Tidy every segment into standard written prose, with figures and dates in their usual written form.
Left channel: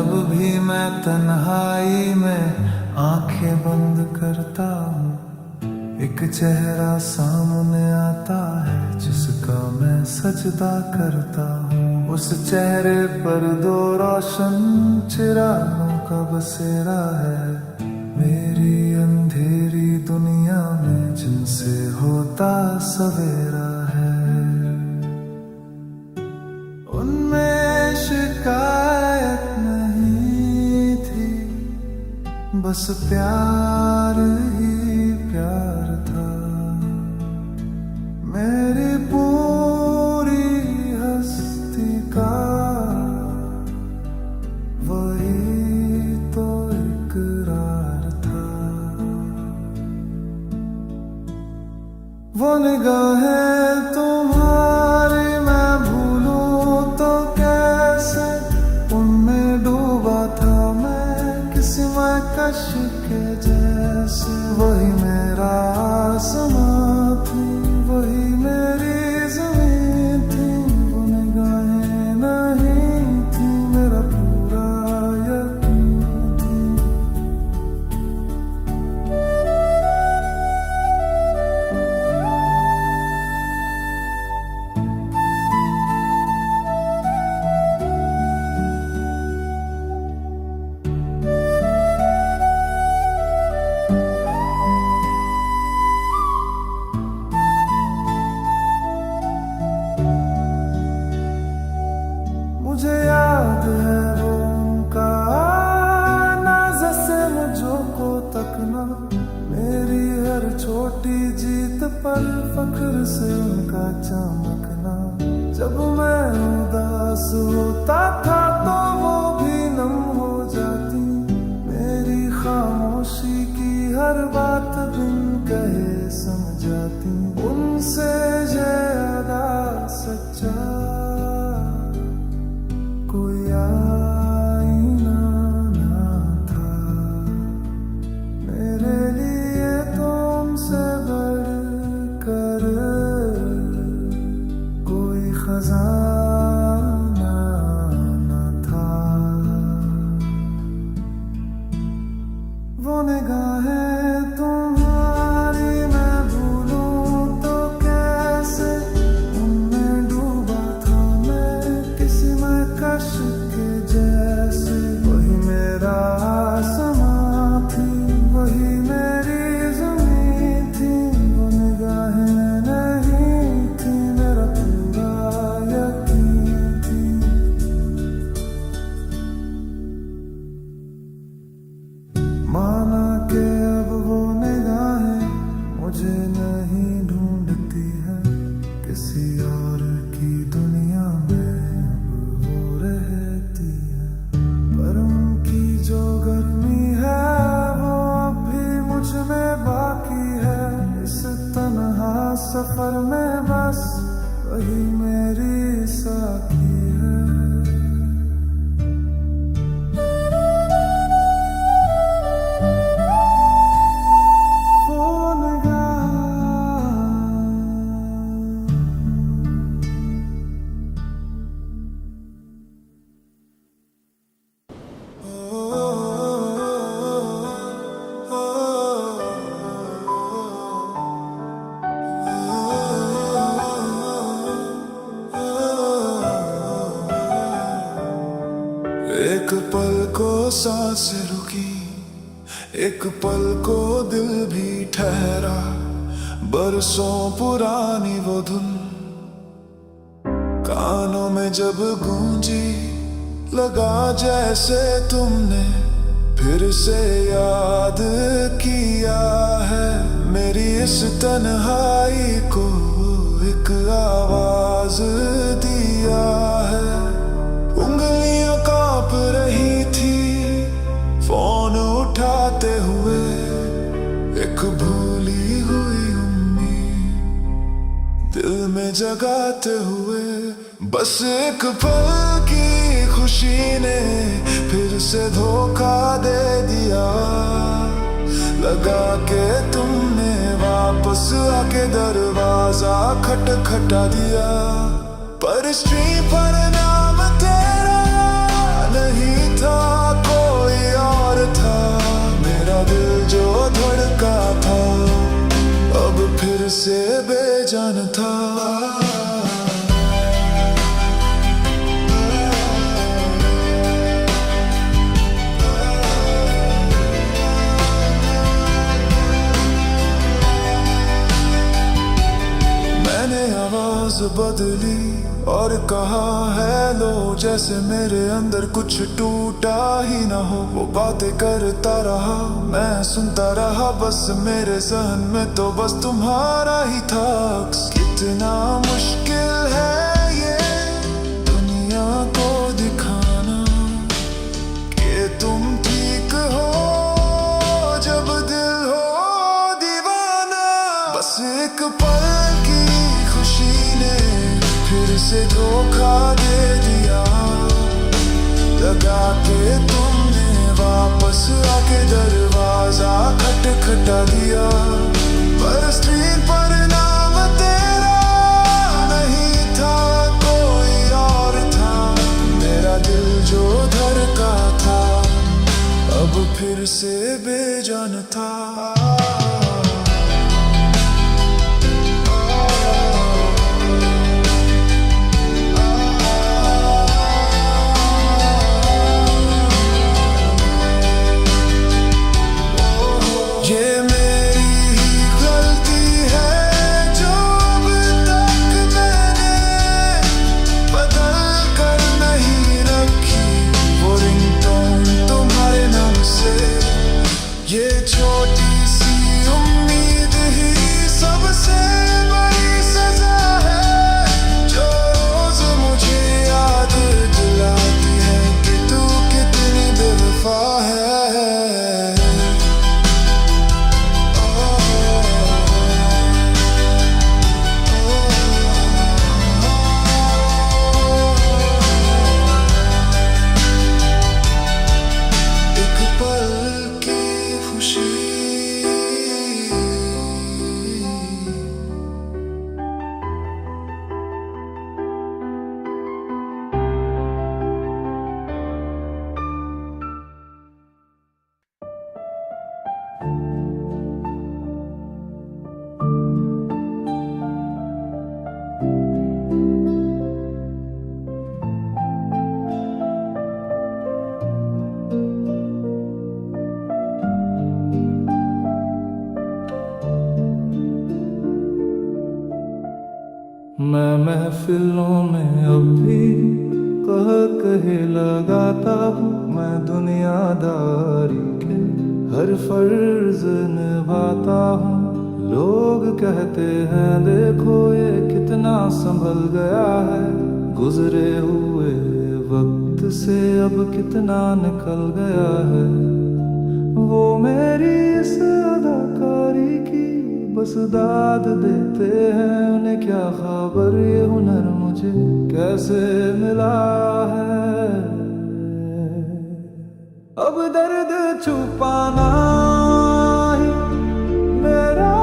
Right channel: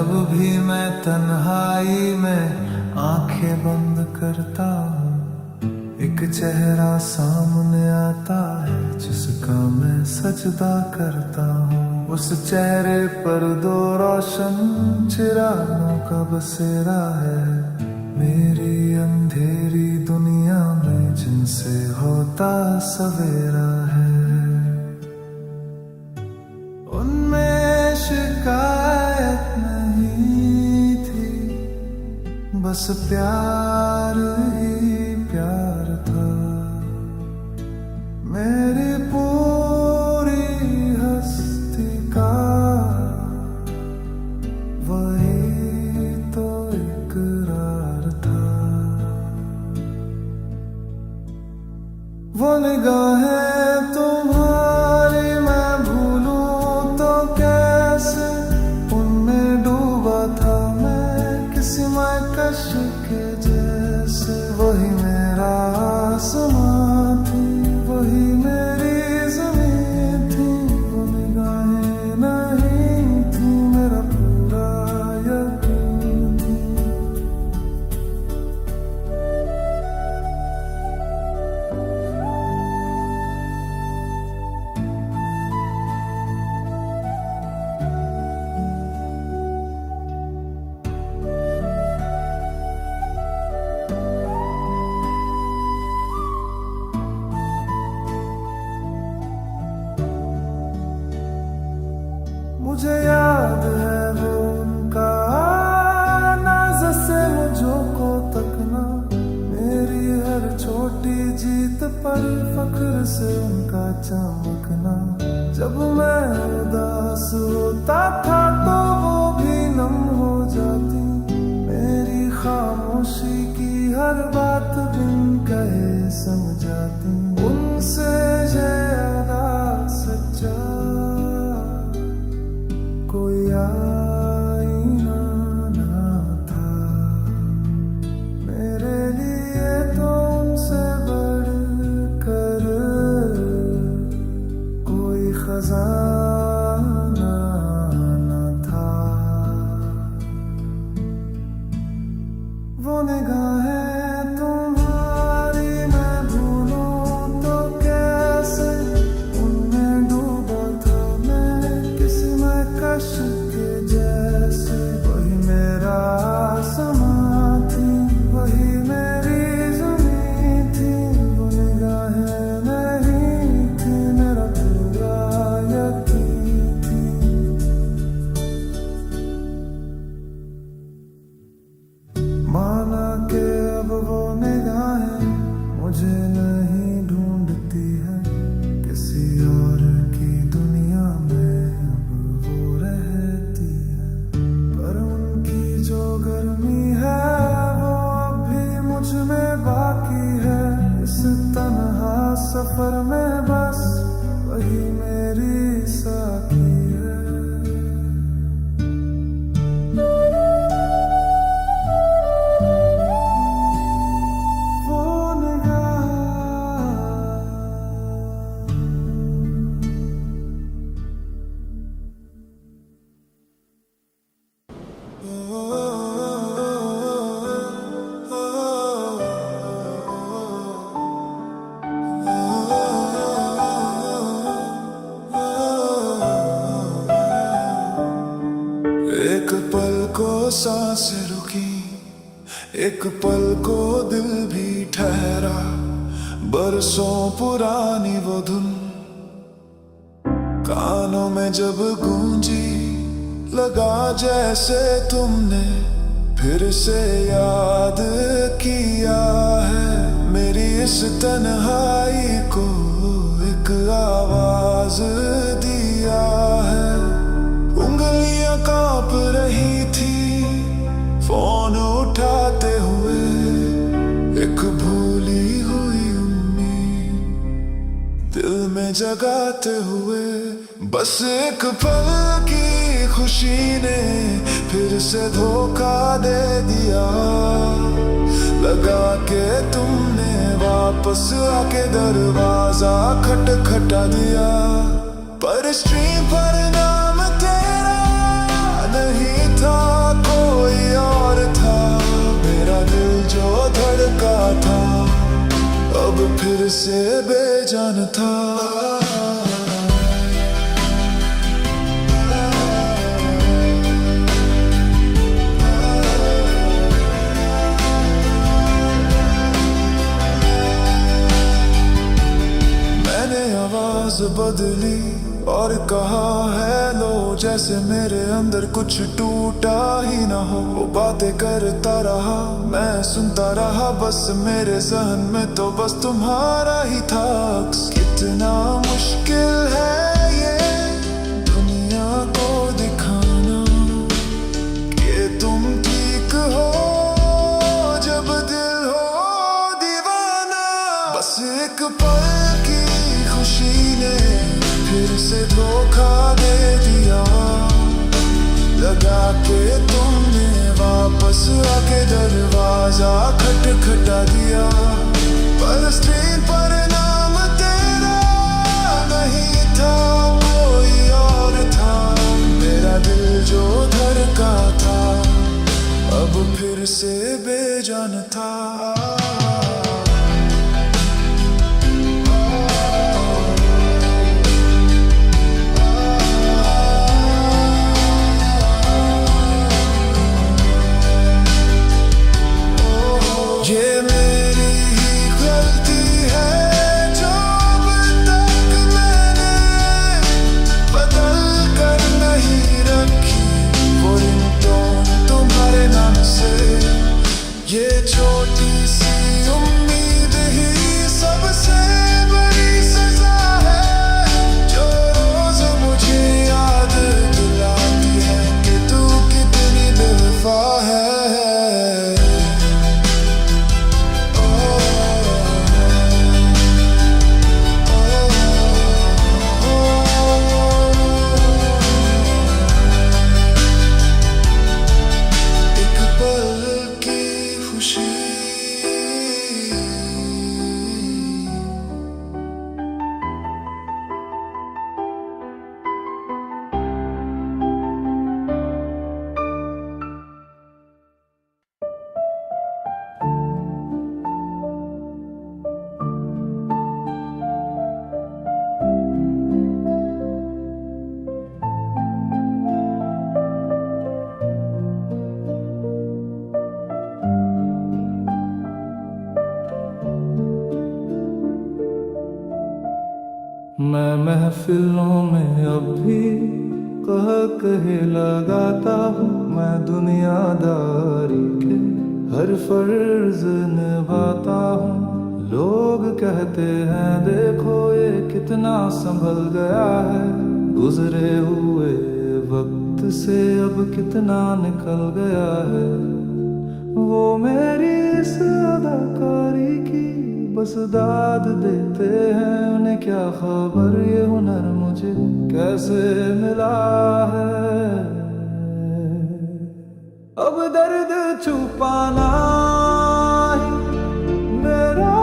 जब भी मैं तन्हाई में आंखें बंद करता हूँ, एक चेहरा सामने आता है जिसका मैं सजदा करता हूँ। उस चेहरे पर दो रोशन चिरागों का बसेरा है, मेरी अंधेरी दुनिया में जिनसे होता सवेरा है। उनमें शिकायत नहीं थी, बस प्यार ही प्यार था। मेरी पूरी हस्ती का वही तो इकरार था। वो निगाहें तुम्हारी मैं भूलूं तो कैसे, उनमें डूबा था मैं किसी महकश के जैसे। वही मेरा आसमां थी, वही मेरी ज़मीन थी, वो निगाहें नहीं थी, मेरा पूरा यकीन थी। मुझे याद है वो उनका आना, जैसे मुझको तकना, मेरी हर छोटी जीत पर फख्र से उनका चमकना। जब मैं उदास होता था तो वो भी नम हो जाती, मेरी खामोशी की हर बात बिन कहे समझाती। उनसे ज्यादा सच्चा कोई आईना ना था, मेरे लिए तो उनसे बढ़कर कोई खजाना ना था। वो निगाहें तुम्हारी मैं भूलूं तो कैसे, उनमें डूबा था मैं किसी महकश के जैसे। वही मेरा आसमां थी, वही मेरी ज़मीन थी, वो निगाहें नहीं थी, मेरा पूरा यकीन थी। माना कि अब वो निगाहें मुझे नहीं ढूंढती है, किसी और की दुनिया में अब वो रहती है। पर उनकी जो गर्मी है वो अब भी मुझ में बाकी है। इस तन्हा सफर में बस वही मेरी साथी है। एक पल को सांसें रुकी, एक पल को दिल भी ठहरा, बरसों पुरानी वो धुन कानों में जब गूंजी, लगा जैसे तुमने फिर से याद किया है। मेरी इस तन्हाई को एक आवाज दिया है। उंगलियां कांप रही थी फोन उठाते हुए, एक भूली हुई उम्मीद दिल में जगाते हुए। बस एक पल की खुशी ने फिर से धोखा दे दिया, लगा के तुमने वापस आके दरवाजा खटखटा दिया। पर स्ट्रीम पर नाम तेरा नहीं था कोई और था, मेरा दिल जो धड़का था अब फिर से बेजान था। मैंने आवाज बदली और कहा हेलो, जैसे मेरे अंदर कुछ टूटा ही ना हो। वो बातें करता रहा, मैं सुनता रहा, बस मेरे जहन में तो बस तुम्हारा ही था। कितना मुश्किल है ये दुनिया को दिखाना कि तुम ठीक हो जब दिल हो दीवाना। बस एक पल की खुशी ने फिर से धोखा दे दिया, लगा के तुमने वापस आके दरवाजा खटखटा दिया। पर स्क्रीन पर नाम तेरा नहीं था, कोई और था, मेरा दिल जो धड़का था अब फिर से बेजान था। ये मेरी ही गलती है जो अब तक मैंने बदल कर नहीं रखी वो रिंगटोन तुम्हारे नाम से। ये छोटी सी उम्मीद ही सबसे बड़ी सजा है, जो रोज मुझे याद दिलाती है कि तू कितनी बेवफा है। मैं महफिलों में अब भी कहे लगाता हूँ, मैं दुनियादारी के हर फर्ज निभाता हूँ। लोग कहते हैं देखो ये कितना संभल गया है, गुजरे हुए वक्त से अब कितना निकल गया है। वो मेरी इस अदाकारी की बस दाद देते हैं, उन्हें क्या खबर ये हुनर मुझे कैसे मिला है। अब दर्द छुपाना ही मेरा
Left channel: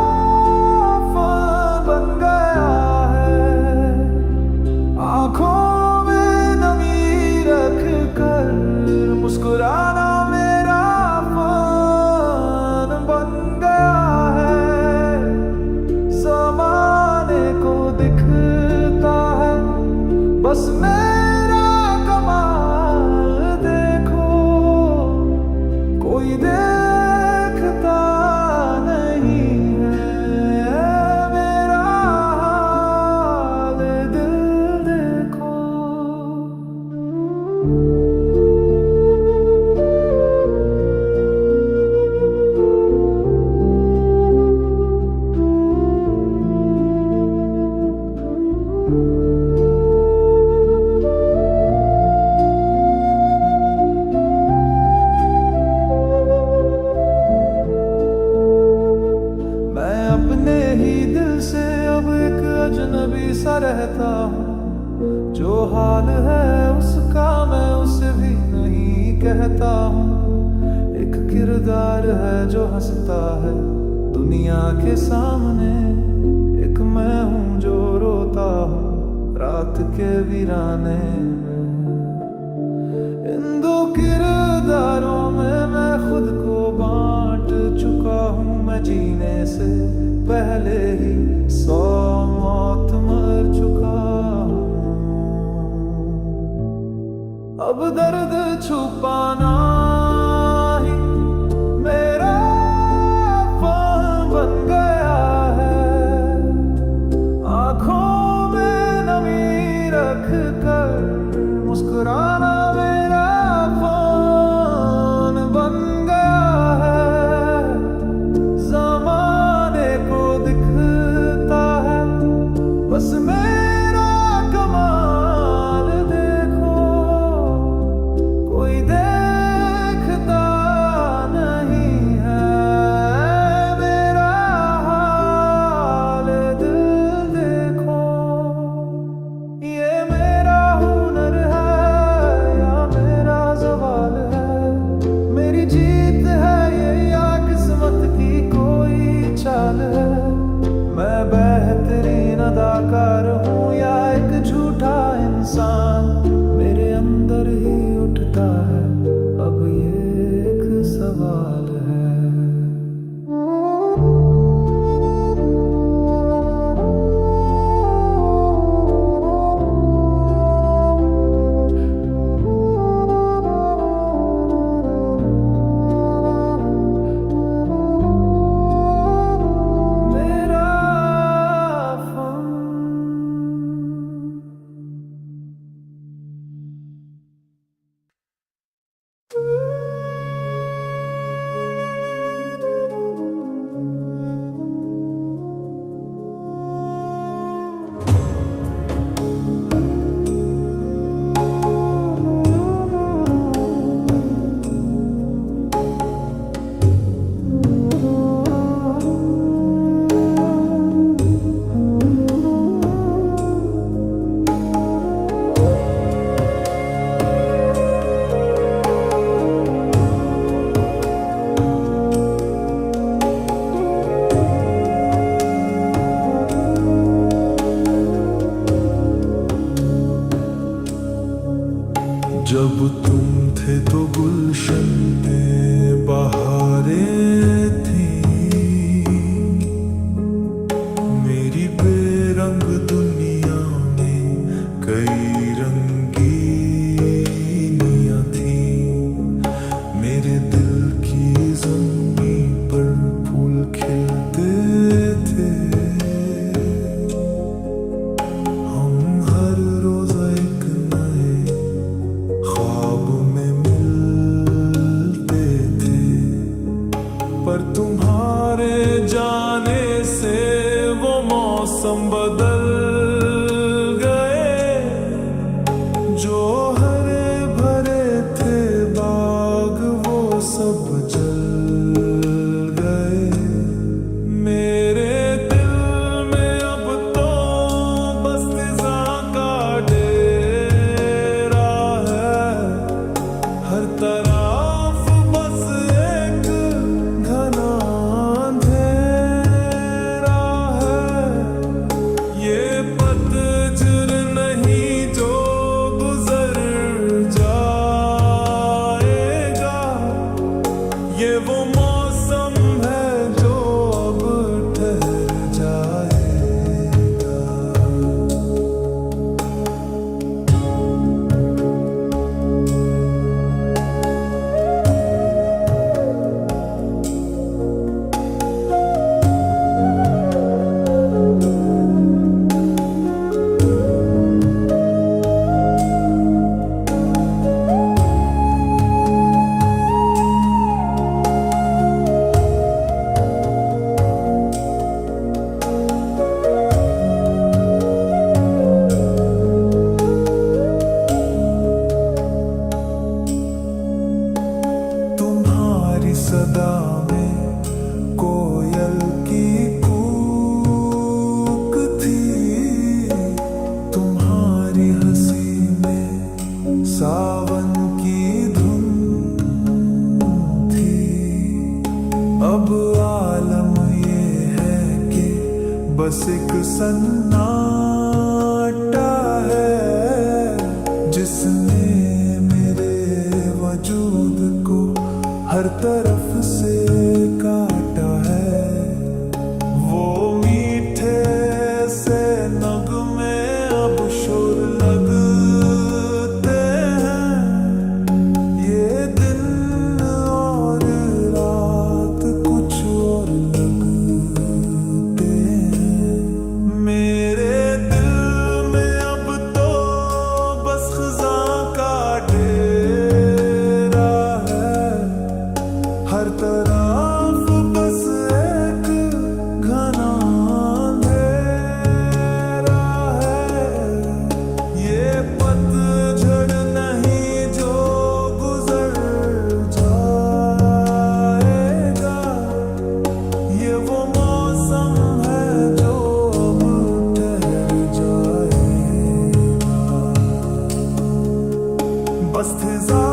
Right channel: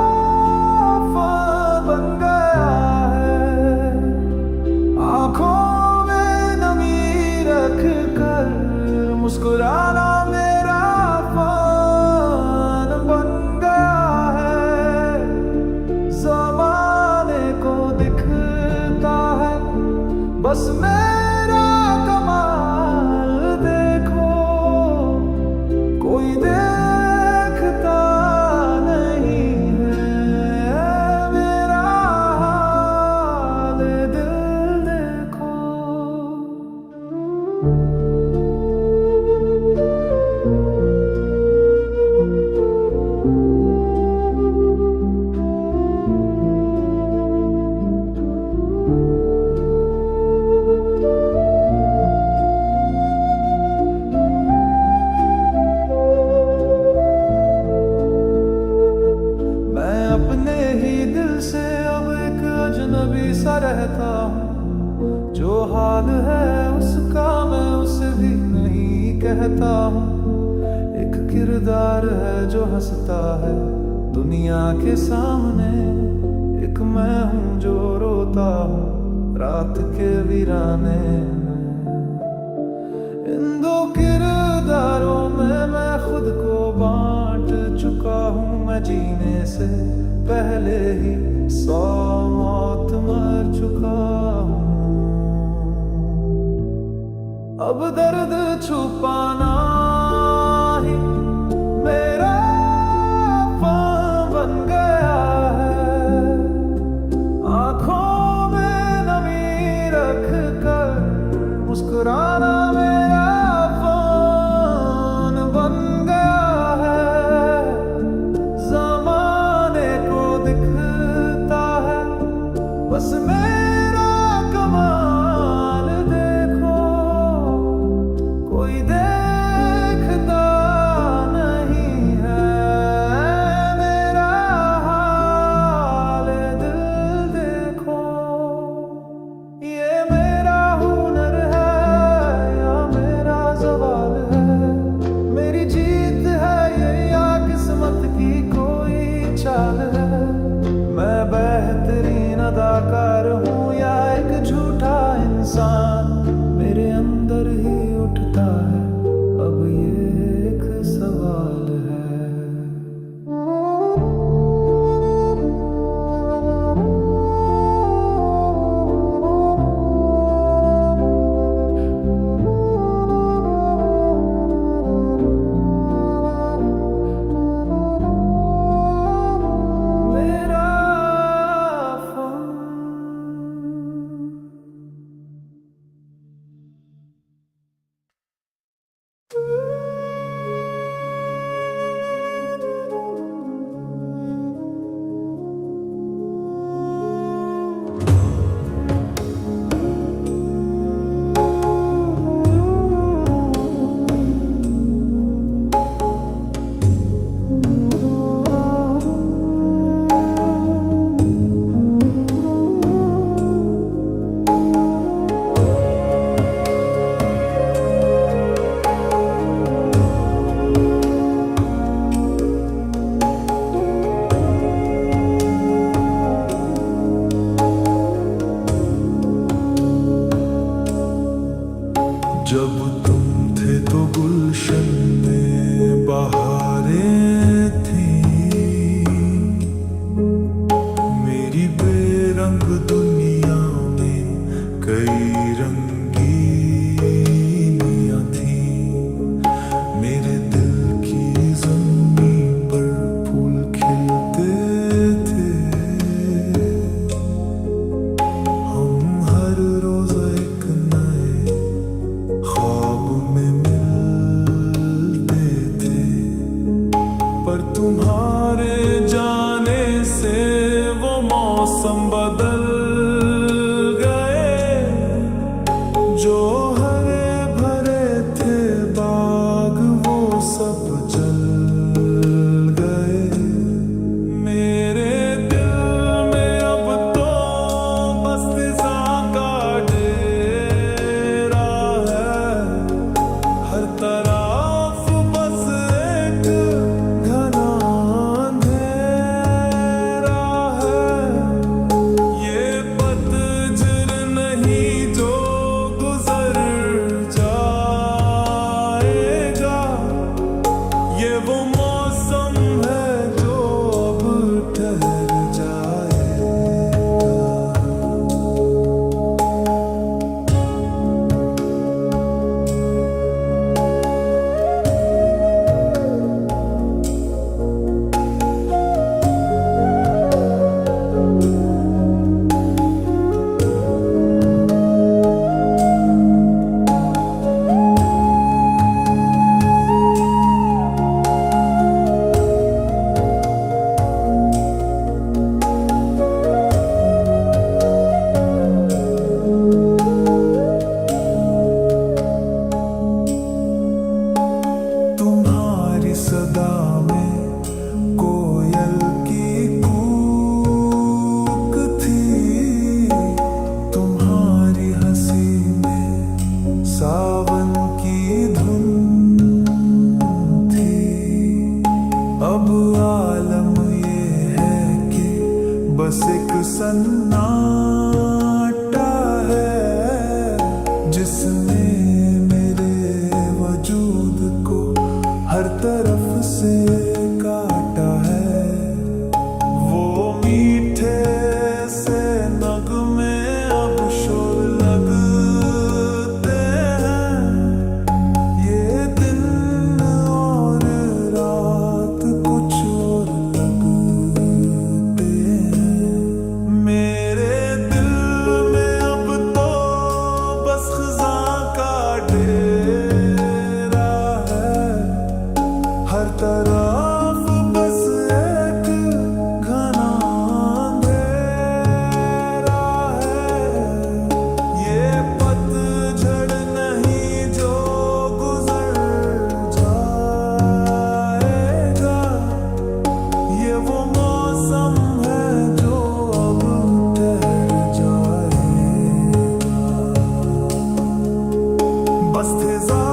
फन बन गया है, आंखों में नमी रख कर मुस्कुराना मेरा फन बन गया है। ज़माने को दिखता है बस मेरा कमाल देखो, कोई देखता नहीं है मेरा हाल दिल देखो। अपने ही दिल से अब एक अजनबी सा रहता हूँ, जो हाल है उसका मैं उसे भी नहीं कहता हूँ। एक किरदार है जो हंसता है दुनिया के सामने, एक मैं हूँ जो रोता हूँ रात के वीराने में। इन किरदारों में मैं खुद को बांट चुका हूँ। मैं जीने से पहले ही 100 मौत मर चुका हूँ। अब दर्द छुपाना ही मेरा काम बन गया है। आंखों में नमी रख कर मुस्कुराना मेरा फन बन गया है। जमाने को दिखता है बस मेरा कमाल देखो, कोई देखता नहीं है मेरा हाल दिल देखो। ये मेरा हुनर है या मेरा ज़वाल है, मेरी जीत है ये या किस्मत की कोई चाल है। मैं बेहतरीन अदाकार हूँ या एक झूठा इंसान, मेरे अंदर ही उठता है अब ये एक सवाल है। मेरा फन जब तुम थे तो गुलशन में बहारें थी, मेरी बेरंग दुनिया में कई रंगीनियां थी। मेरे दिल की ज़मीं पर फूल खिलते थे, हम हर रोज एक नए ख्वाब में मिलते थे। पर तुम्हारे जाने से वो मौसम बदल गए, जो हरे भरे थे बाग वो सब जल गए। मेरे दिल में अब तो बस फिज़ा का डेरा है, हर तरफ बस एक घना अंधेरा है। ये पतझड़ नहीं जो गुजर जाएगा, ये वो मौसम है जो अब ठहर जाएगा। तुम्हारी सदा में कोयल की कूक थी, तुम्हारी हंसी में सावन की धुन थी। अब आलम ये है कि बस एक सन्नाटा है, जिसने मेरे वजूद को हर तरफ से काटा है। वो मीठे से नगमे अब शोर लगते हैं। ये दिन और रात कुछ और लगते हैं। मेरे दिल में अब तो बस खज़ां का डेरा है। हर तरफ बस एक घना अंधेरा है। ये पतझड़ नहीं जो गुजर जाएगा। ये वो मौसम है जो अब ठहर जाएगा। बस फिजा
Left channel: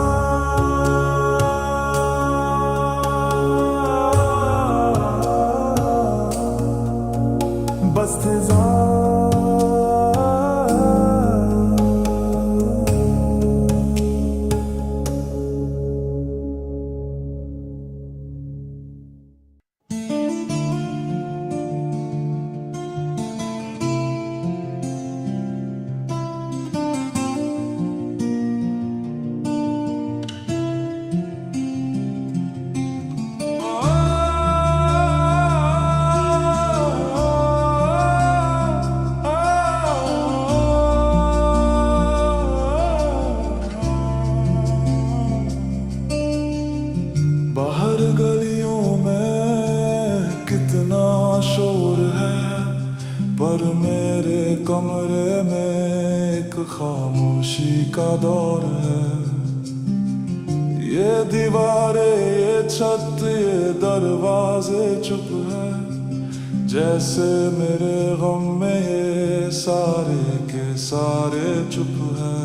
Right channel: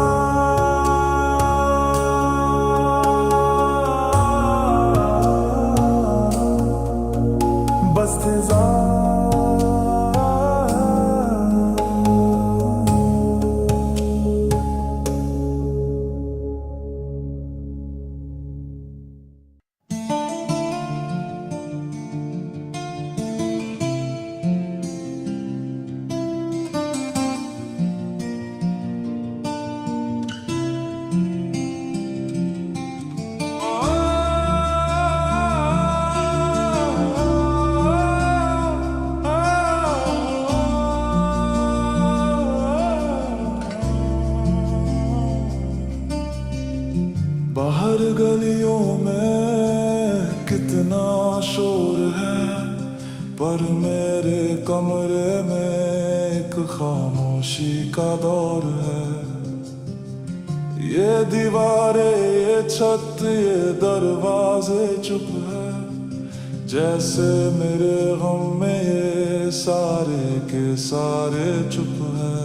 बाहर गलियों में कितना शोर है, पर मेरे कमरे में एक खामोशी का दौर है। ये दीवारें, ये छत, ये दरवाजे चुप है, जैसे मेरे गम में ये सारे के सारे चुप है।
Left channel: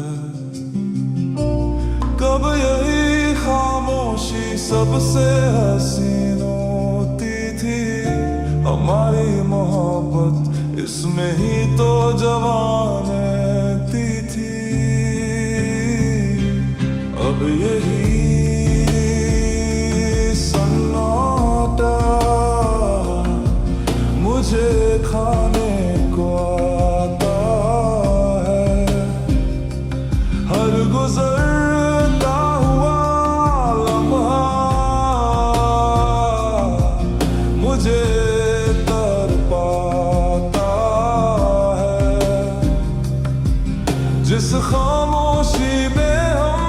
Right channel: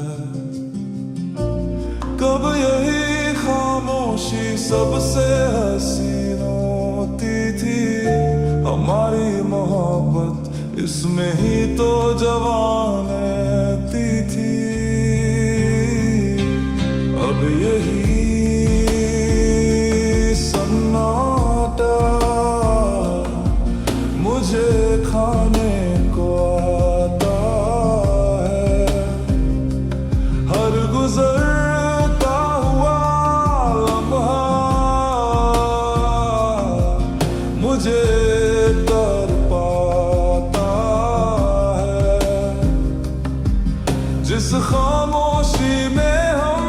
कब यही खामोशी सबसे हसीन होती थी, हमारी मोहब्बत इसमें ही तो जवानती थी। अब यही सन्नाटा मुझे खाने को आता है। हर गुजरता हुआ लम्हा मुझे तड़पाता है। जिस खामोशी में हम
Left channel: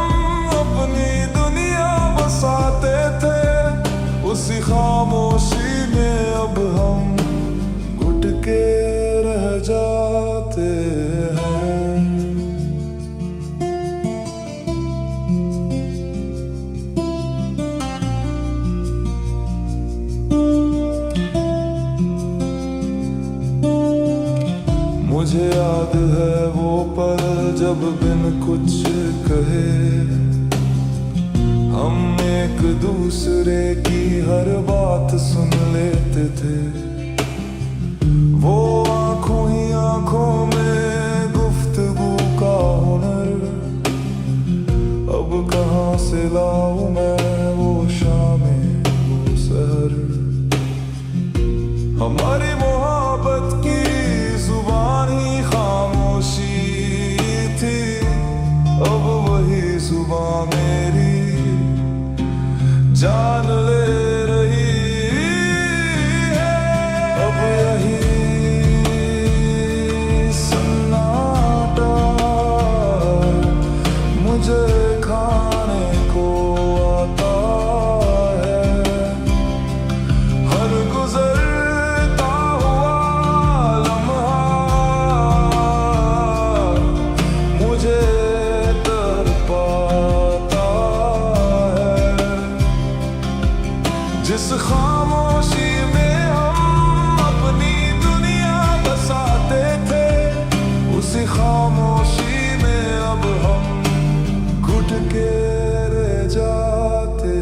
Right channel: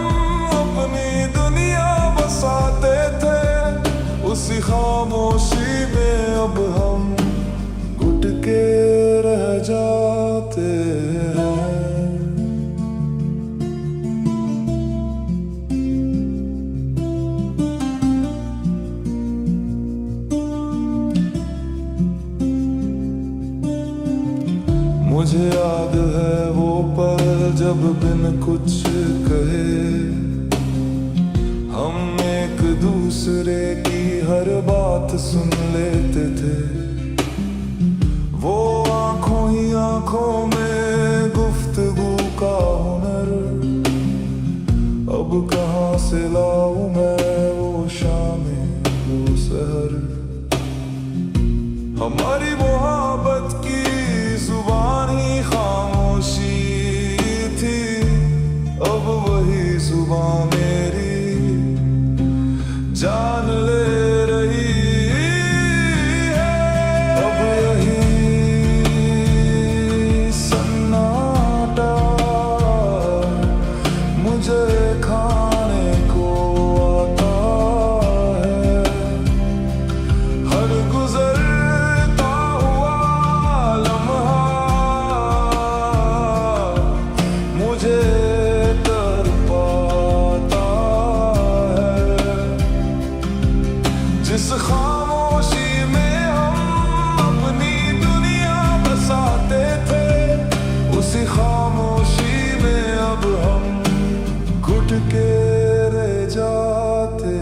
अपनी दुनिया बसाते थे, उसी खामोशी में अब हम घुट के रह जाते हैं। मुझे याद है वो पल जब बिन कुछ कहे हम एक दूसरे की हर बात सुन लेते थे। वो आंखों ही आंखों में गुफ्तगू का हुनर, अब कहाँ से लाऊं मैं वो शामें वो सहर। हमारी मोहब्बत की जुबान ही खामोशी थी, अब वही जुबान मेरी जान ले रही है। अब यही सन्नाटा मुझे खाने को आता है। हर गुजरता हुआ लम्हा मुझे तड़पाता है। जिस खामोशी में हम अपनी दुनिया बसाते थे, उसी खामोशी में अब हम घुट के रह जाते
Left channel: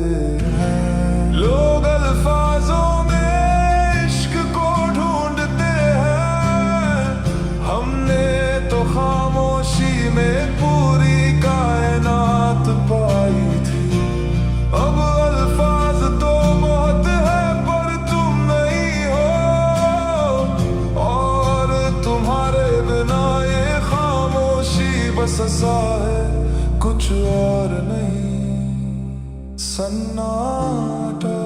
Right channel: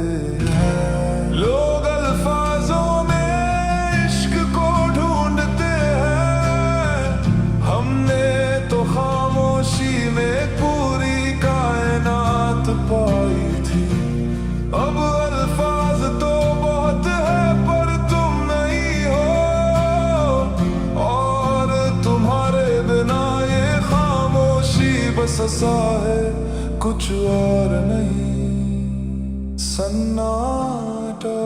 हैं। लोग अल्फाजों में इश्क को ढूंढते हैं, हमने तो खामोशी में पूरी कायनात पाई थी। बस सा है, कुछ और नहीं। सन्नाटा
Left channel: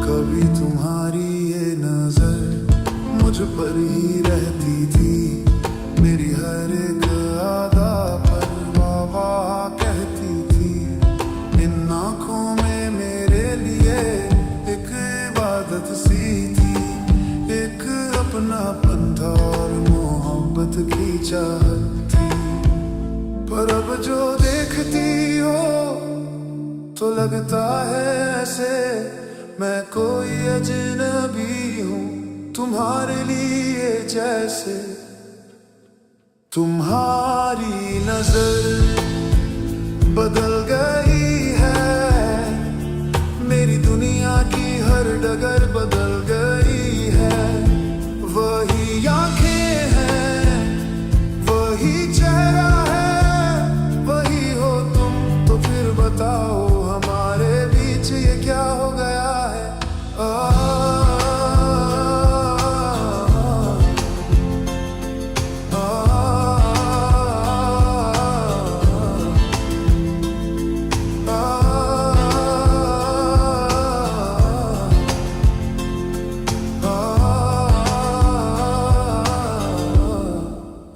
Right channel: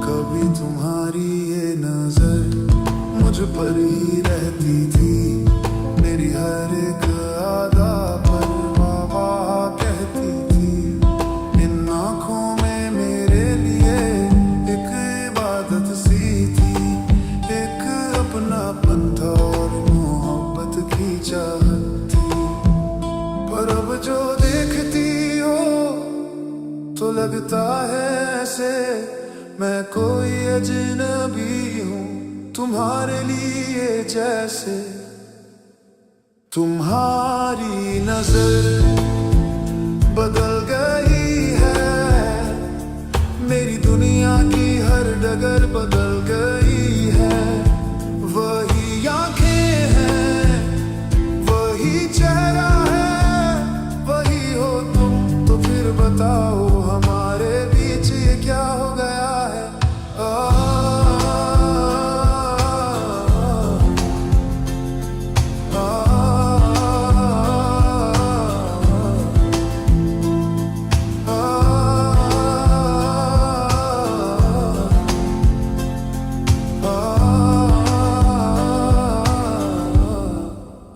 कभी तुम्हारी ये नजर मुझ पर ही रहती थी, मेरी हर एक अदा पर वाह वाह कहती थी। इन आँखों में मेरे लिए एक इबादत सी थी, एक अपनापन था और मोहब्बत की चाहत थी। पर अब जो देखती हो तो लगता है ऐसे मैं कोई अजनबी हूँ तुम्हारे लिए, जैसे तुम्हारी नजर बदल गई है, मेरी दुनिया की हर डगर बदल गई है। वही आंखें हैं, वही चेहरा है, वही हो तुम, तो फिर बताओ हमारे बीच ये क्या हो गया है।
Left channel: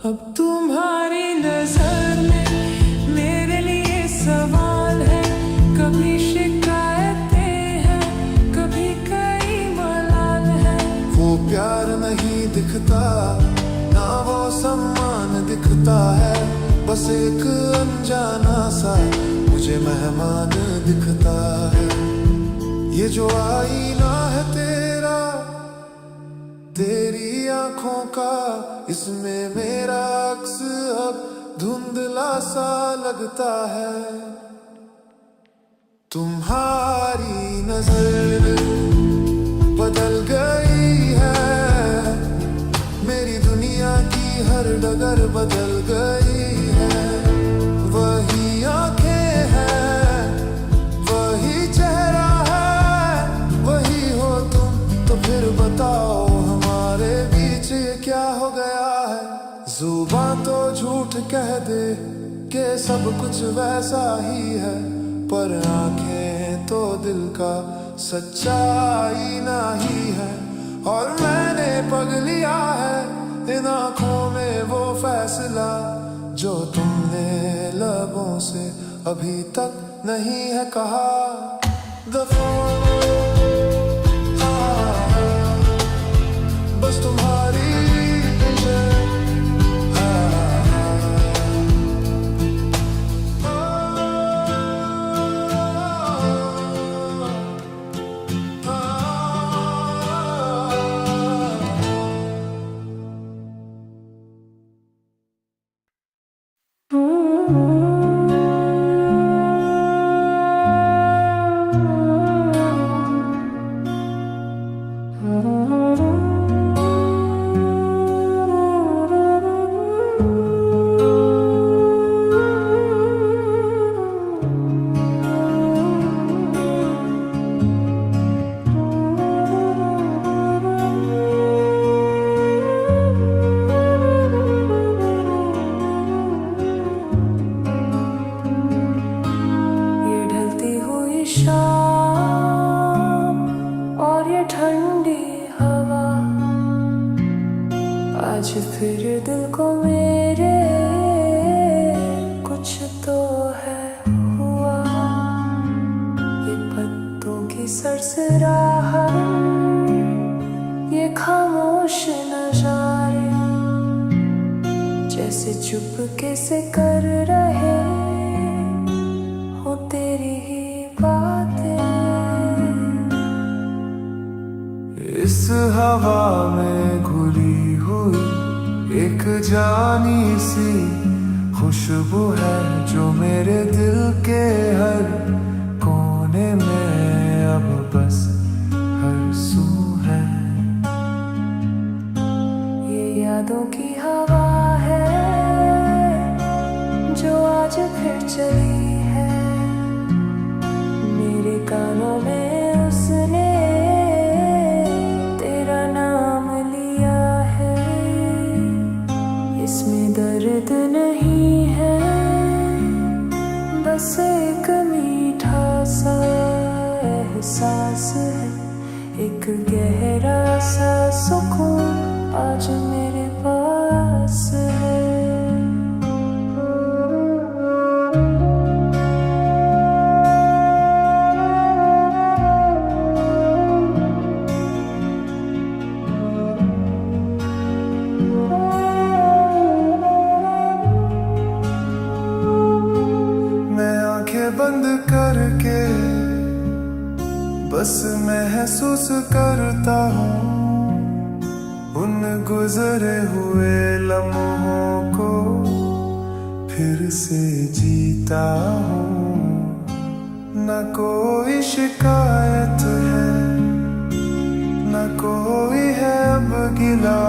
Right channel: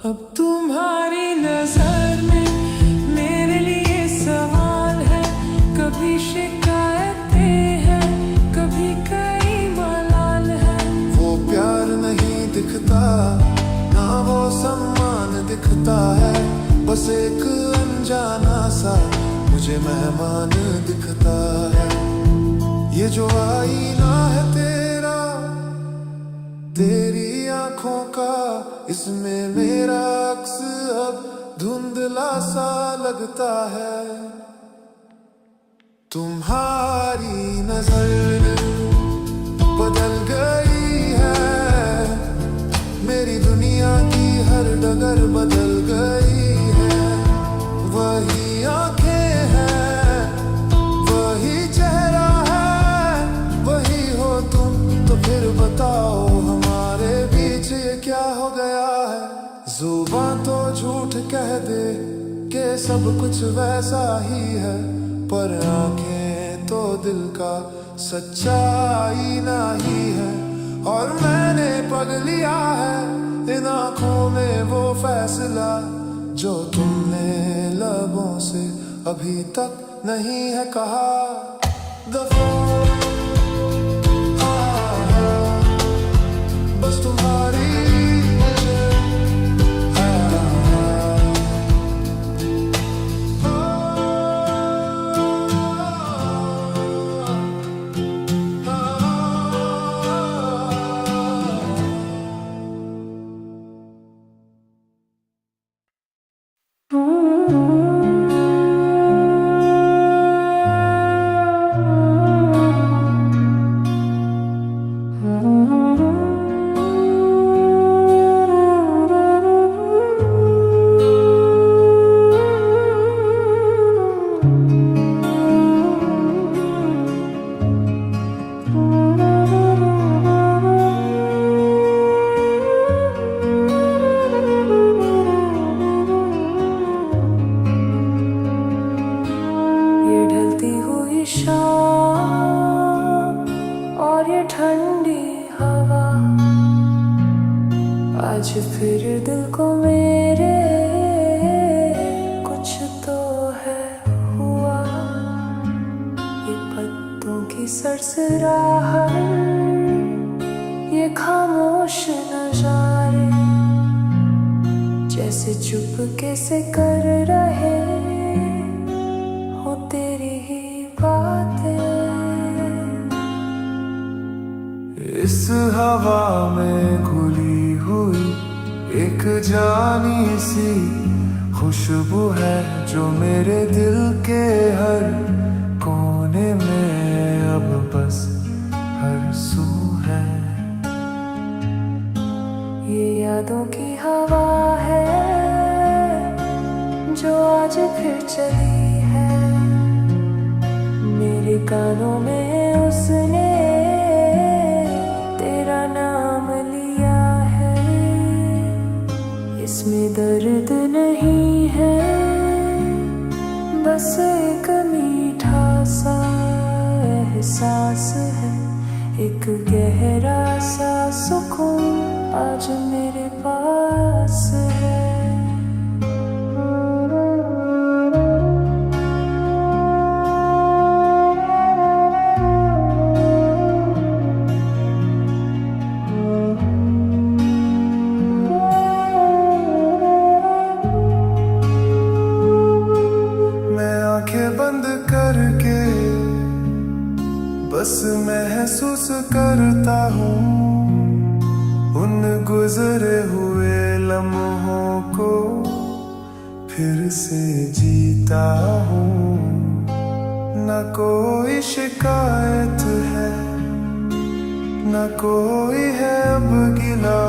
अब तुम्हारी नजर में मेरे लिए सवाल है, कभी शिकायतें हैं, कभी कई मलाल है। वो प्यार नहीं दिखता ना वो सम्मान दिखता है, बस एक अनजाना सा मुझे मेहमान दिखता है। ये जो आईना है तेरा, तेरी आंखों का, इसमें मेरा अक्स अब धुंधला सा लगता है। तुम्हारी नजर बदल गई है, मेरी दुनिया की हर डगर बदल गई है। वही आंखें हैं, वही चेहरा है, वही हो तुम, तो फिर बताओ हमारे बीच ये क्या हो गया है। जुबां तो झूठ कह दे कि सब कुछ वैसा ही है, पर आंखें तो दिल का सच्चा आईना ही है। और मैंने पग लिया है इन आंखों में वो फैसला जो तुमने लबों से अभी तक नहीं है कहा। दफा बस तुम्हारी ठंडी हवा आज फिर दिल को मेरे कुछ तो है हुआ, ये पत्तों की सरसराहट, ये खामोश नजारे जैसे चुपके से कर रहे हो तेरी ही बातें। इस हवा में घुली हुई एक जानी सी खुशबू है जो मेरे दिल के हर कोने में अब बस हर सू है। ये यादों की हवा है जो आज फिर चली है, मेरे कानों में उसने तेरा नाम लिया है। इसमें दर्द नहीं है, बस एक मीठा सा एहसास है, एक गहरा सा सुकून आज मेरे पास है। मैं आंखें बंद करके बस महसूस करता हूँ उन गुजरे हुए लम्हों को फिर से जीता हूँ। न कोई शिकायत है, न कोई है अब गिला,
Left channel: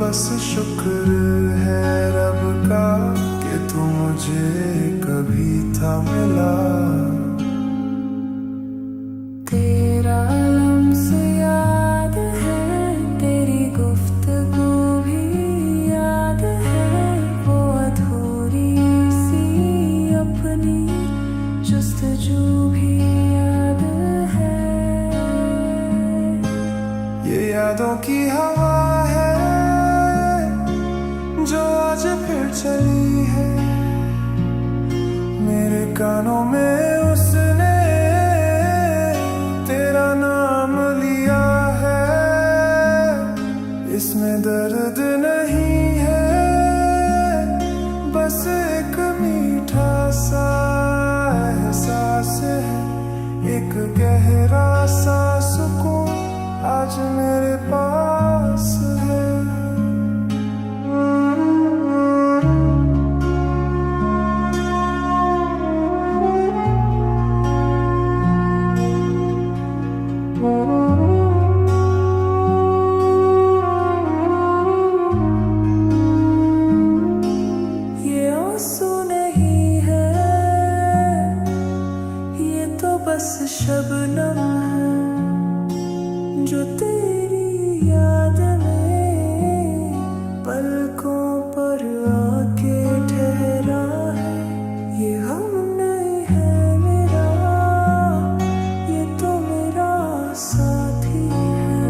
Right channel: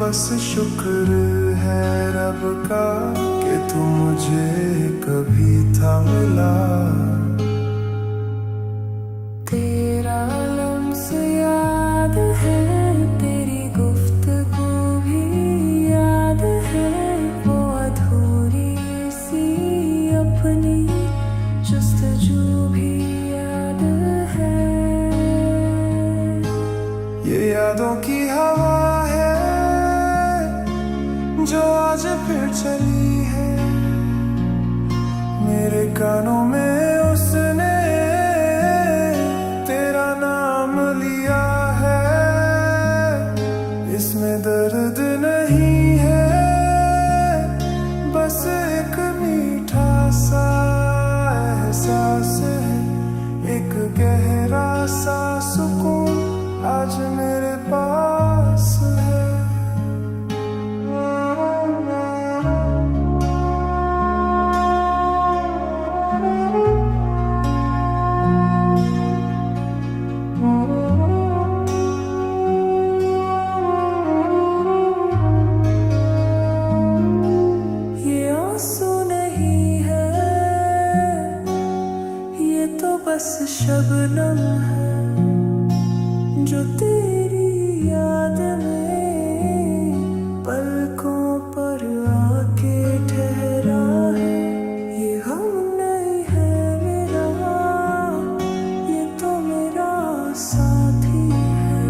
बस शुक्र है रब का कि तू मुझे कभी था मिला। तेरा लम्स याद है, तेरी गुफ्तगू भी याद है, वो अधूरी सी अपनी जुस्तजू भी याद है। ये यादों की हवा है जो आज फिर चली है, मेरे कानों में उसने तेरा नाम लिया है। इसमें दर्द नहीं है, बस एक मीठा सा एहसास है, एक गहरा सा सुकून आज मेरे पास है। ये आंसू नहीं है, ये तो बस शबनम है जो तेरी याद में पलकों पर आके ठहरा है। ये हम नहीं है मेरा, ये तो मेरा साथी है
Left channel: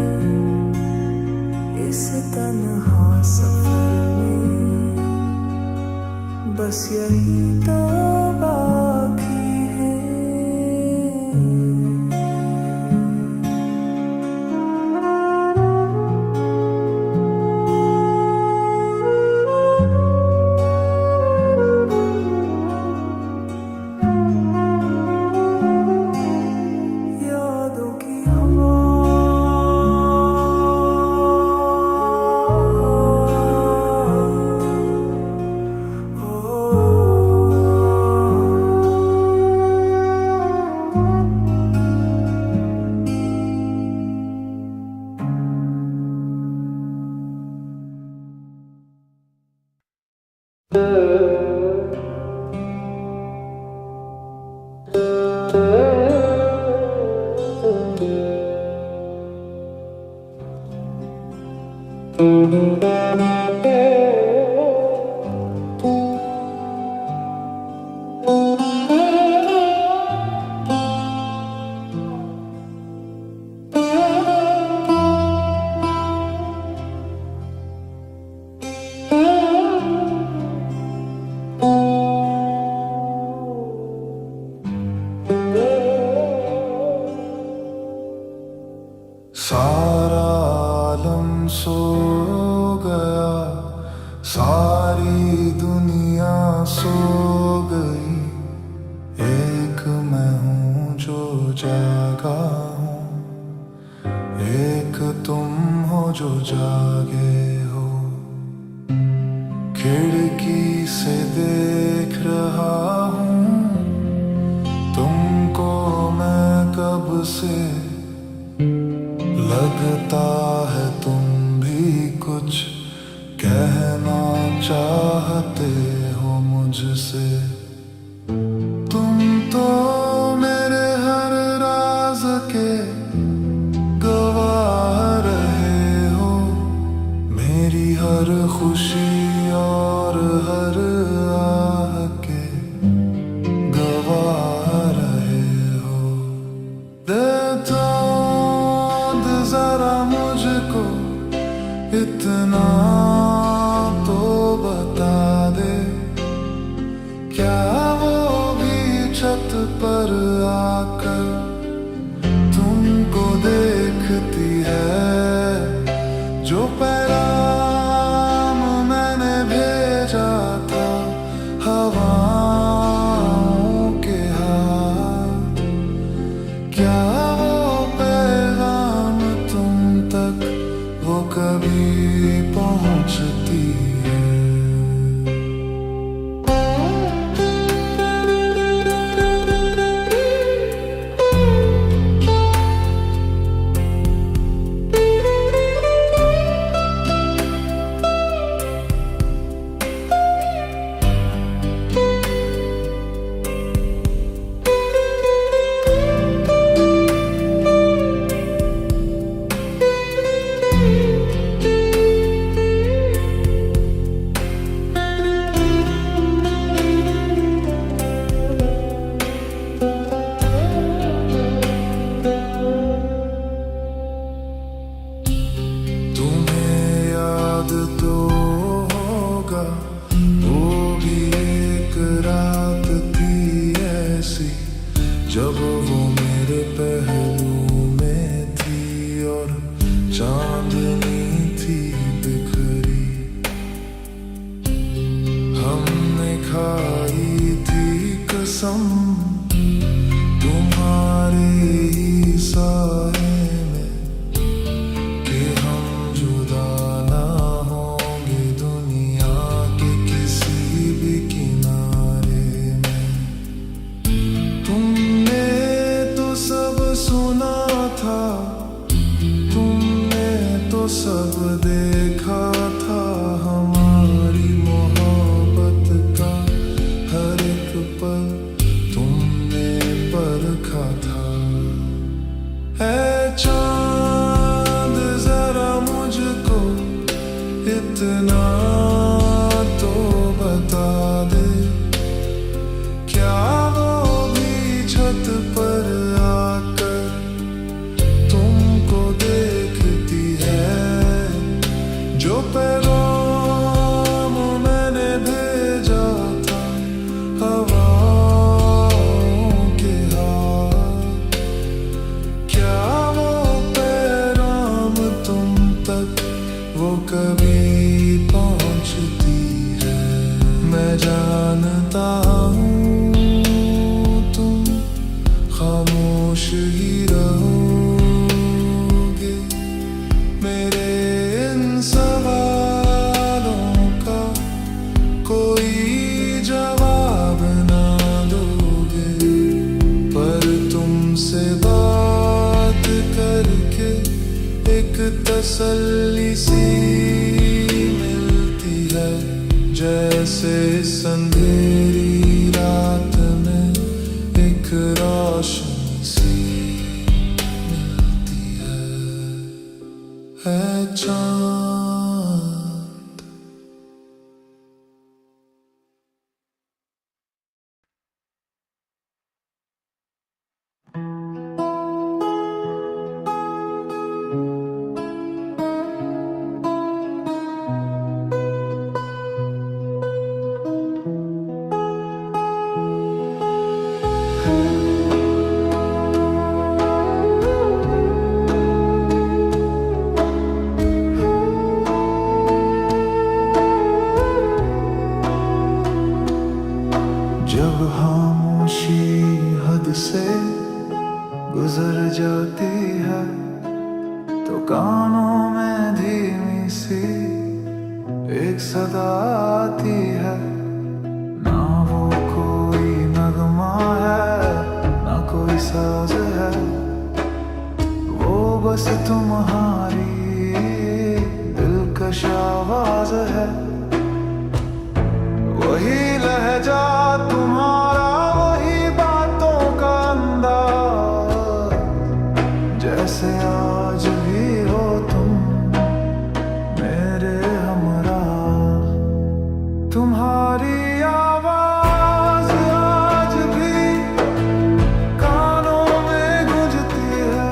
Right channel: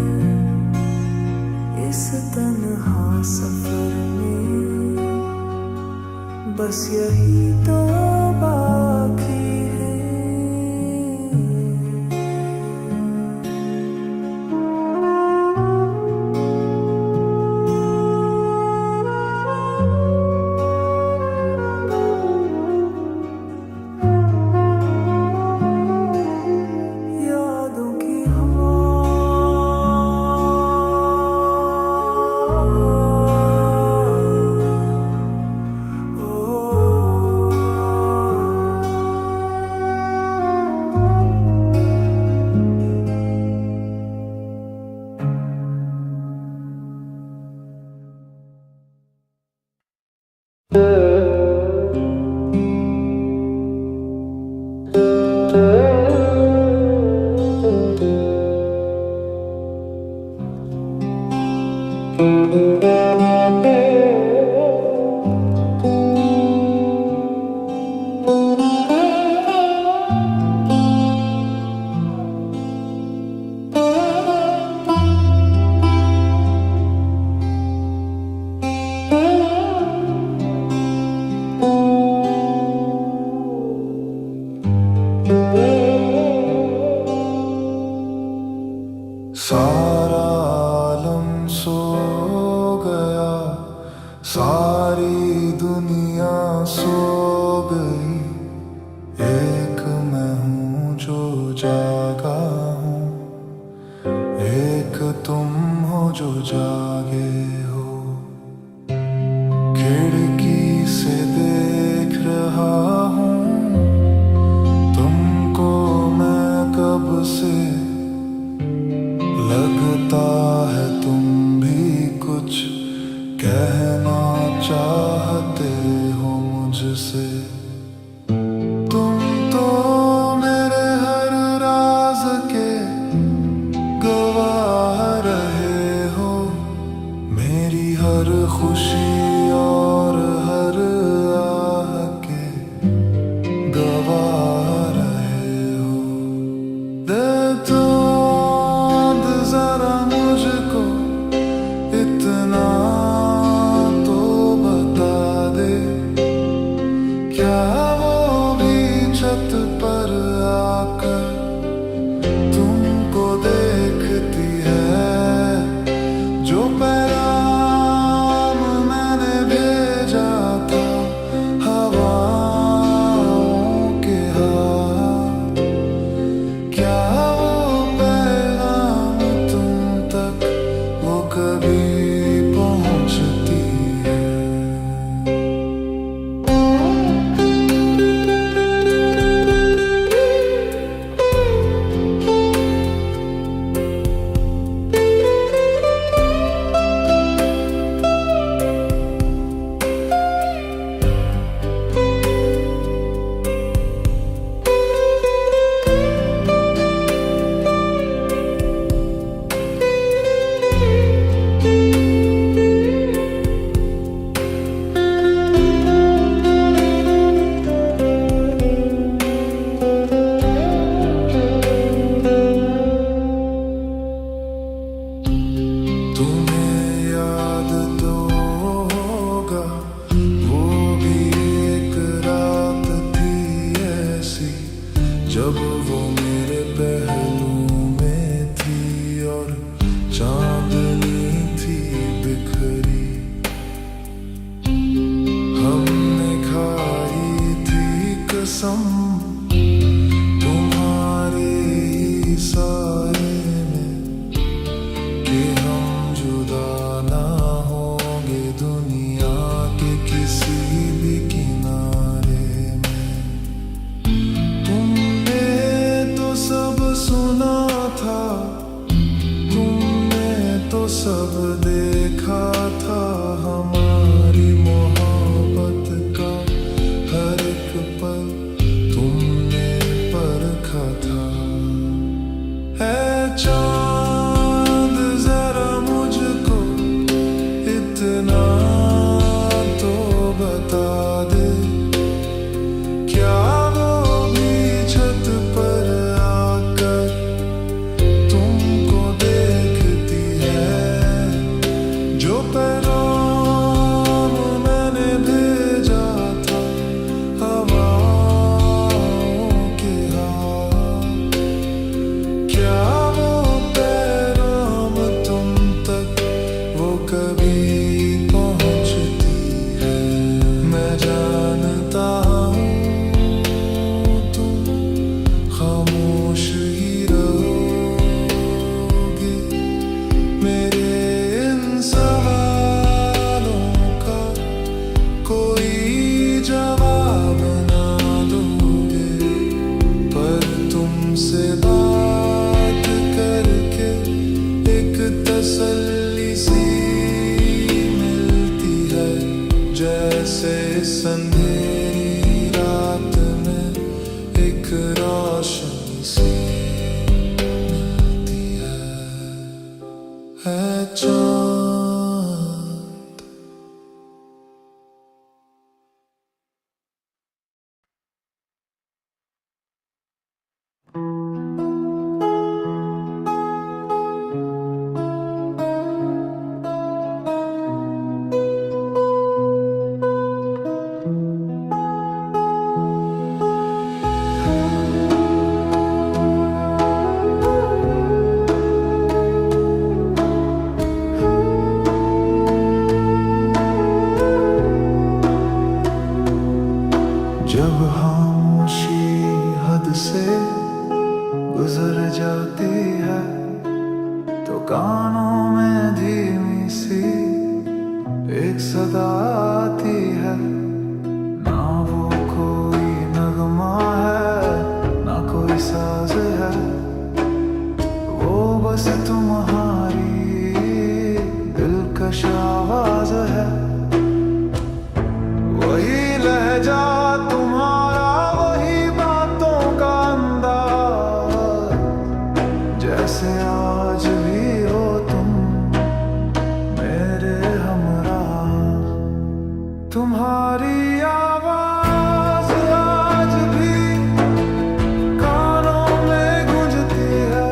इस तन्हा सफर में, बस यही तो बाकी है। यादों की हवा सारा आलम सो गया, सारी दुनिया सो गई, एक मैं हूँ जो जागा हूँ, एक तुम हो जो जागे हो। खिड़की से देख रहा हूँ तुमको मैं कब से, लगता है तुम भी कुछ कहना चाहते हो मुझसे। तुम तो मेरे हर राज के गवाह रहे हो, मेरी हर खुशी और हर आह के गवाह रहे हो। दे तो जरा मुझको इतना तो बता दे, क्या वो भी छत पर आकर तुमको देखती है, जो पैगाम मैंने भेजा था हवाओं के हाथ, क्या वो पैगाम तुम तक वो कभी पहुंचती है। तुम्हें याद तो होगा वो भी एक रात थी ऐसी, जब वो मेरे पहलू में थी और चांदनी थी बिखरी। हमने खाई थी कसम तुम्हारे ही साए में, कि हम जुदा ना होंगे दुनिया के किसी भी किनारे में। तुमने तो सब सुना था, तुमने तो सब देखा था, हमारी मोहब्बत का हर एक पल तुमने परखा था। है चांद जरा मुझको इतना तो बता दे, क्या वो भी छत पर आकर तुमको देखती है, जो पैगाम मैंने भेजा था हवाओं के हाथ, क्या वो पैगाम तुम तक वो कभी पहुंचती है। मैं जानता हूँ तुम खामोश ही रहोगे, मेरे इन सवालों का कोई जवाब ना दोगे, पर तुमसे बात करके एक तसल्ली सी मिलती है, जैसे इस अंधेरी रात में एक रोशनी सी मिलती है चांद। से गुजर जाती है तो कानों में धीमी सी एक सदा आती है। ना वो कोई नगमा है ना कोई साज है, वो बस तुम्हारी दिलकश आवाज है। वही लहजा तुम्हारा, वही बातों का अंदाज, जैसे आज भी हो तुम मेरे हमराह। तुम्हारी आवाज आज भी कानों में गूंजती है,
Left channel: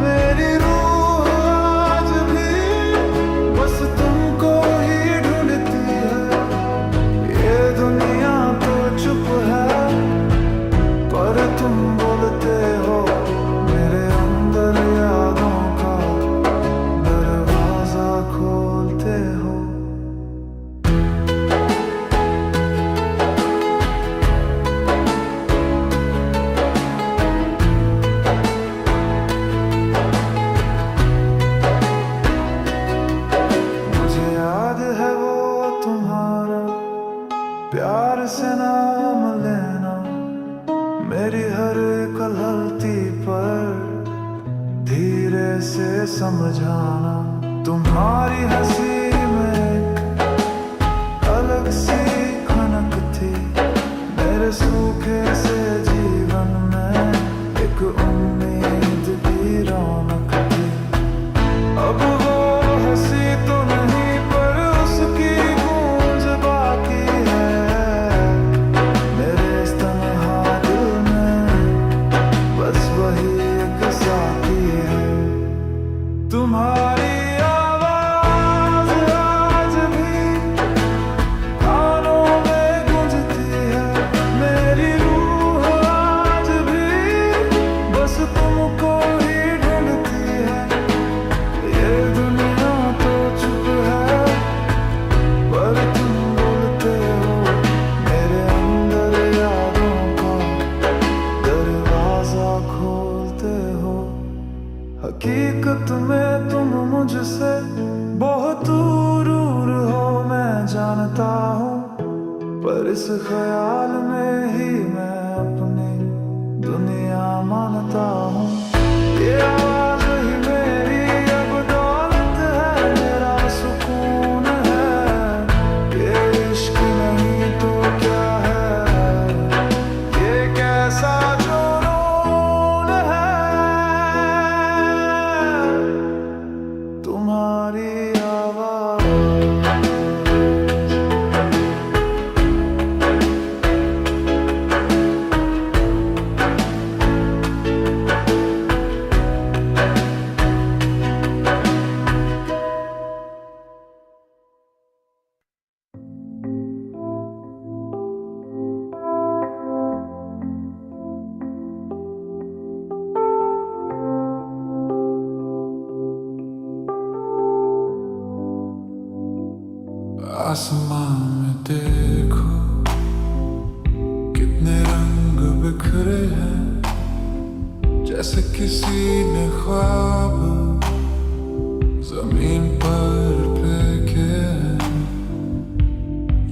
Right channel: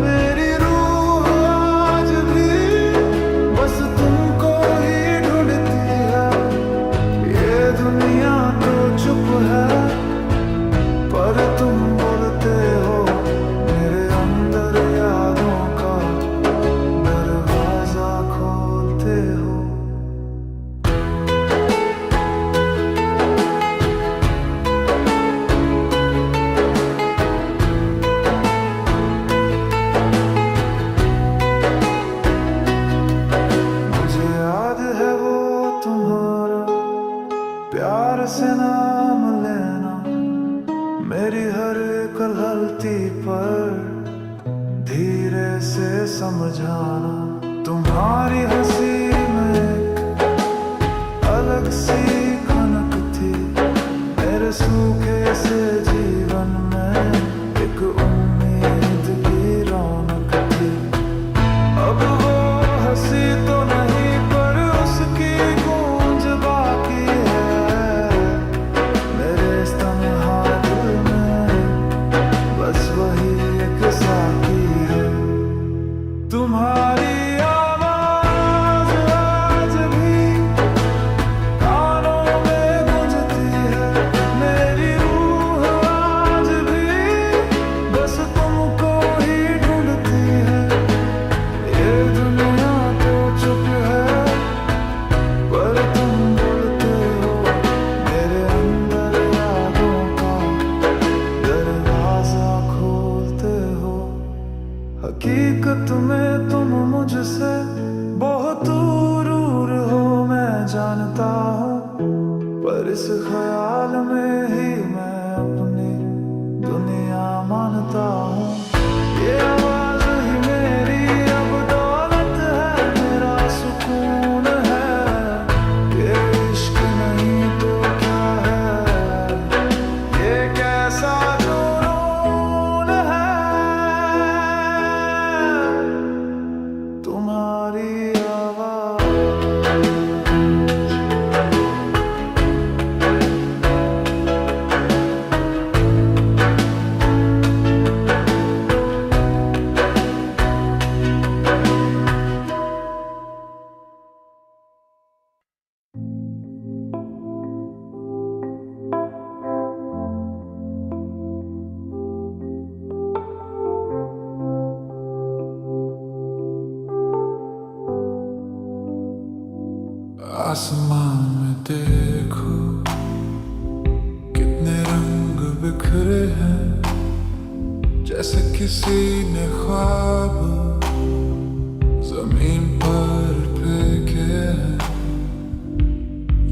मेरी रूह आज भी बस तुमको ही ढूंढती है। ये दुनिया तो चुप है पर तुम बोलते हो, मेरे अंदर यादों का दरवाजा खोलते हो। मुझे याद है वो तुम्हारा प्यार से नाम लेना, मेरी हर कलहलती पर धीरे से समझाना। तुम्हारी हंसी में एक अलग सी खनक थी, मेरे सूखे से जीवन में एक उम्मीद की रौनक थी। अब वो हंसी तो नहीं पर उसकी गूंज बाकी है, मेरे इस तन्हा दिल में बस वही एक साकी है। तुम्हारी आवाज आज भी कानों में गूंजती है, मेरी रूह आज भी बस तुमको ही ढूंढती है। ये दुनिया तो चुप है पर तुम बोलते हो, मेरे अंदर यादों का दरवाजा खोलते हो। हकीकत में तुम मुझसे बहुत दूर हो मैं जानता हूँ, पर इस ख्याल में ही मैं अपनी दुनिया मानता हूँ। ये आवाज ही मेरी अब दौलत है, मेरा सुकून है। ये इश्क नहीं तो क्या है, ये कैसा जुनून है। तुम्हारी आवाज आसमां में देखो कितने रंग बिखरे हैं, जैसे किसी ने ख्वाब जमीन पर फेंके हैं।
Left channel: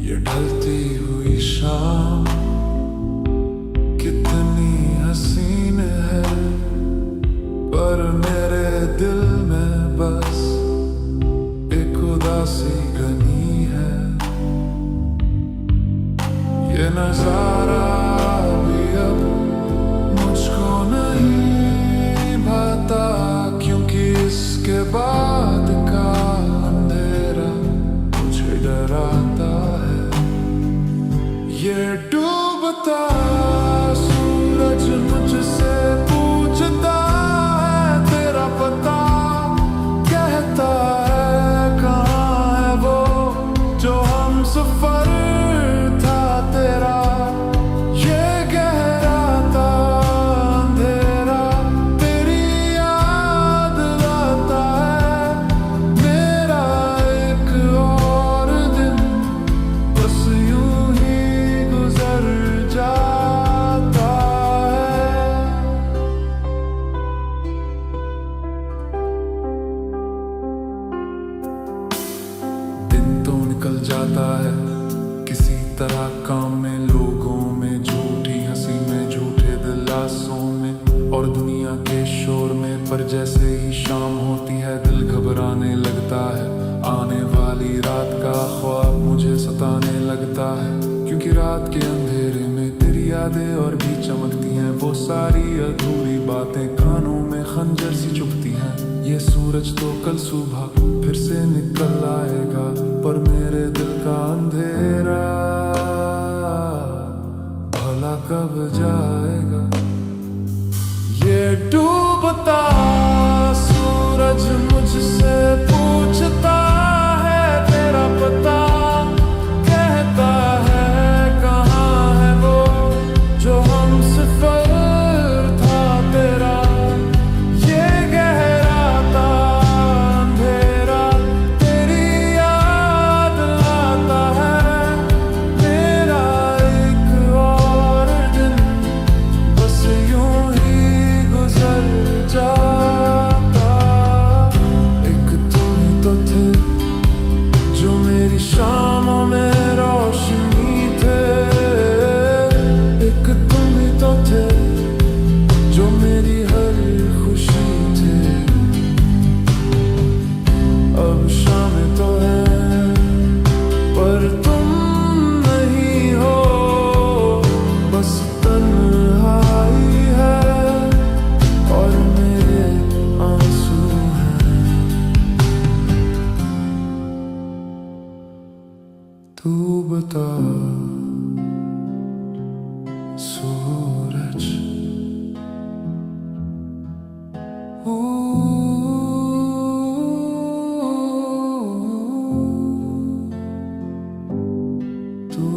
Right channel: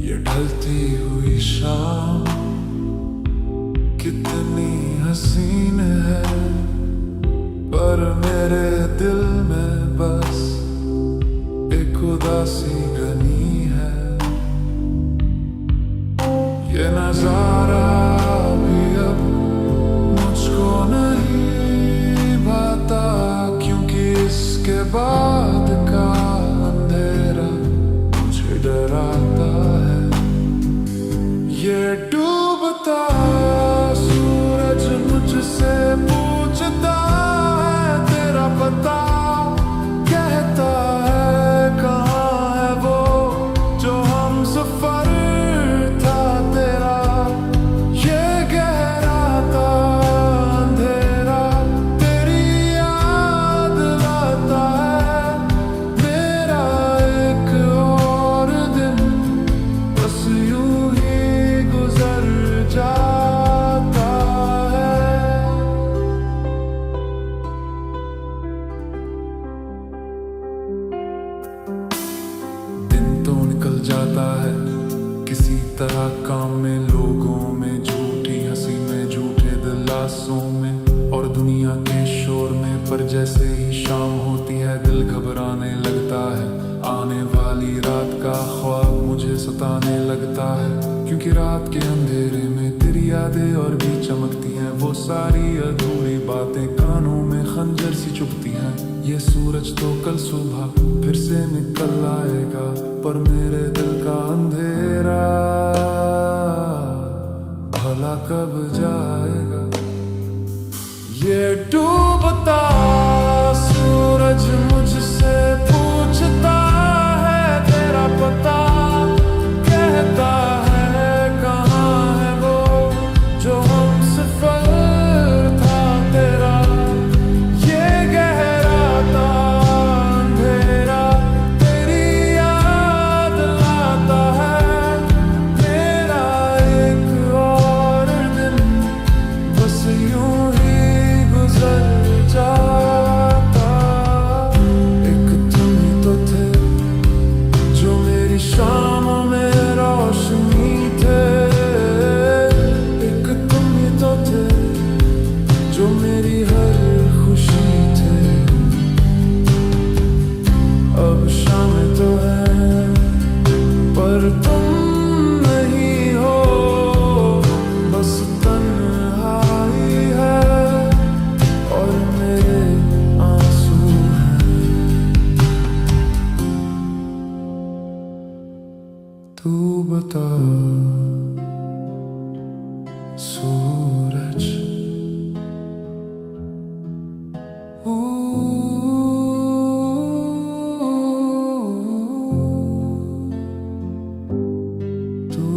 ये ढलती हुई शाम कितनी हसीन है, पर मेरे दिल में बस एक उदासी गनी है। ये नजारा भी अब मुझको नहीं भाता, क्योंकि इसके बाद का अंधेरा मुझे डराता है। ये डूबता सूरज मुझसे पूछता है तेरा पता, कहता है कहाँ है वो जो हम सफर था तेरा। ये गहरा था अंधेरा तेरी याद लाता है, मेरा एक और दिन बस यूं ही गुजर जाता है। निकल जाता है किसी तरह काम में, लोगों में झूठी हंसी में, झूठे दिलासों में और दुनिया के शोर में। पर जैसे ही शाम होती है दिल घबराने लगता है, आने वाली रात का ख्वाब मुझे सताने लगता है। क्योंकि रात के अंधेरे में तेरी यादें और भी चमकती हैं, वो सारी अधूरी बातें कानों में खंजर सी चुभती हैं। ये सूरज तो कल सुबह फिर से निकल आएगा, पर मेरे दिल का अंधेरा भला कब जाएगा। ये डूबता सूरज मुझसे पूछता है तेरा पता, कहता है कहाँ है वो जो हम सफर था तेरा। ये गहरा ता अंधेरा तेरी याद लाता है, मेरा एक और दिन बस यूं ही गुजर जाता। एक तुम ही तो थे जो मेरी शामों में रोशनी थे, एक तुम ही तो थे जो मेरी हर खुशी थे। अब शामें तो है पर तुम नहीं हो, बस तन्हाई है और मेरे आंसू हैं। तू बता सूरज, तू